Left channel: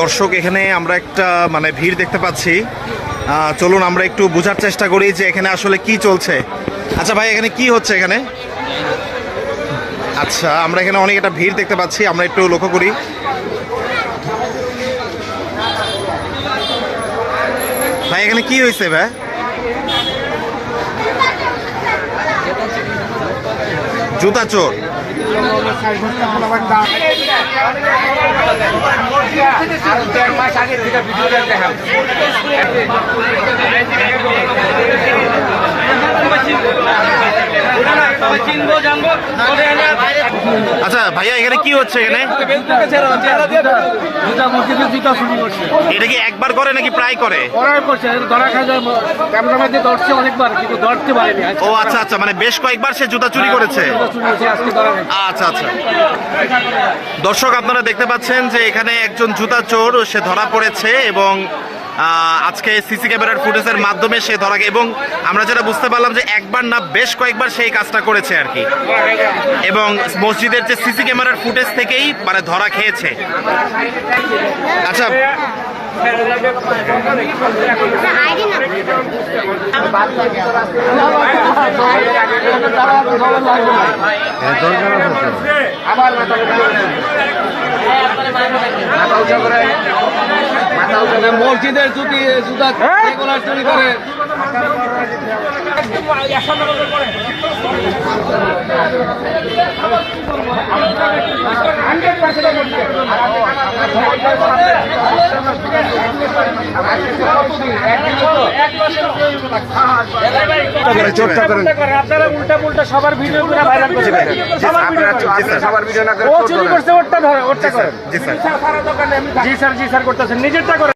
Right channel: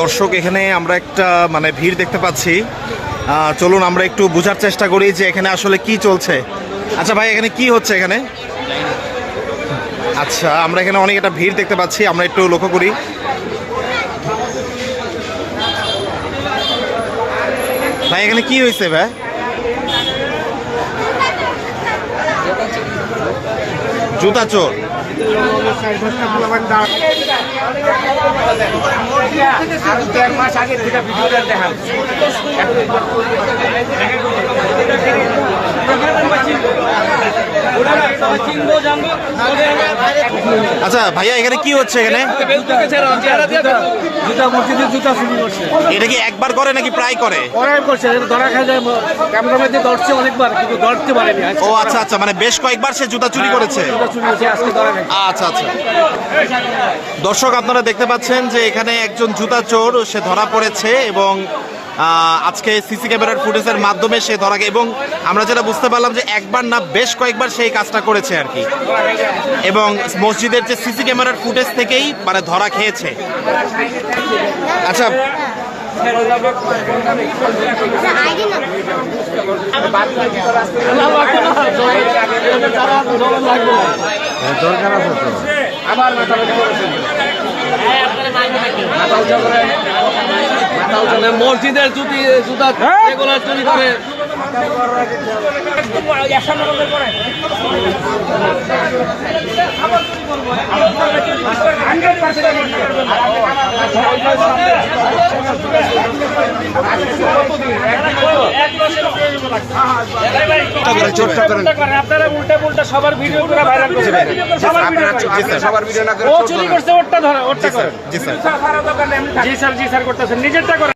দর্শক, এখানে আমরা একটা মানে ভিড় দেখতে পাচ্ছি। চলুন আমরা একটু বোঝার চেষ্টা করি যে এখানে আসলে কি চলছে। আচ্ছা ভাই, এখানে কি হচ্ছে এখানে? আচ্ছা, আমরা এখানে অনেক একটা ভিড় দেখতে পাচ্ছি, আমরা একটু লক্ষ্য করি। ভাই এখানে কি হয়েছে ভাই? জুতা চোর। আচ্ছা ভাইয়া, এখানে কি হচ্ছে? এখানে জুতা মসজিদে জুতা চুরি করছে। এটা কি একবার করে নাকি প্রায় করে? ওরাই করছে, ধরা খাই যায়। ক্যামেরাম্যান দিয়ে ধরছে অনেকবার, কিন্তু ধরতে পারেনি। ও আচ্ছা আচ্ছা, মানে বেশ কয়েকবার সে জুতা চুরি করেছে। জুতা চুরি করছে, আজকে ধরা খাই। আচ্ছা আচ্ছা, দর্শক আপনারা দেখতে পাচ্ছেন যে এখানে একজন জুতা চোর সে ধরা পড়েছে এবং আজকে সিসি ক্যামেরার ফুটেজের মাধ্যমে সে ধরা, এবং আমরা যেটা বুঝতে পারলাম যে একবার না বেশ কয়েকবার সেই কাজটা করেছে আর কি, এবং মসজিদের যে সিসি ক্যামেরার ফুটেজ থেকেই মানে ধরা খেয়েছে। আচ্ছা দরকার আছে তো। মসজিদের জুতা রেগুলার চুরি করে। আপনারা উল্টা পুল্টা সবার ভিডিও করে ভাইরাল করছেন। সবার ভিডিও না করে ও চুরি করছে, ওরটা ধরে, ওরটা করে। জি স্যার, জি স্যার করতেছেন, নিজেরটা করে।